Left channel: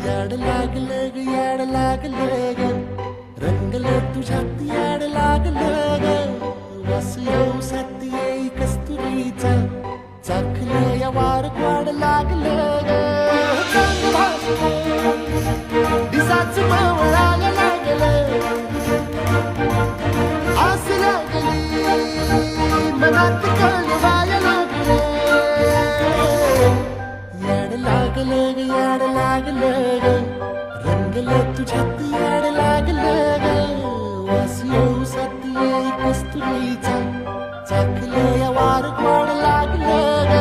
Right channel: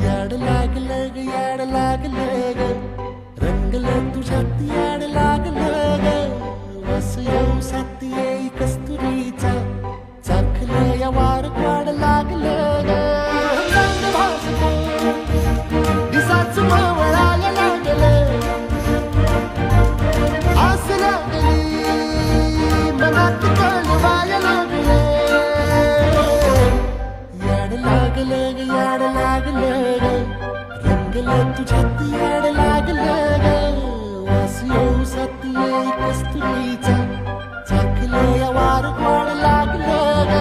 याड लागलं ग याड लागलं ग रंगलं तुझ्यात याड लागलं ग वास येऊ साथ येई कस्तुरीचा चाखलं या वार वाड लागलं ग चांग भासलं दिसाच मवळायला लागलं आस लागली मनात कळवायला लागलं याड लागलं ग याड लागलं ग रंगलं तुझ्यात याड लागलं ग वास येऊ साथ येई कस्तुरीचा चाखलं या वार वाड लागलं ग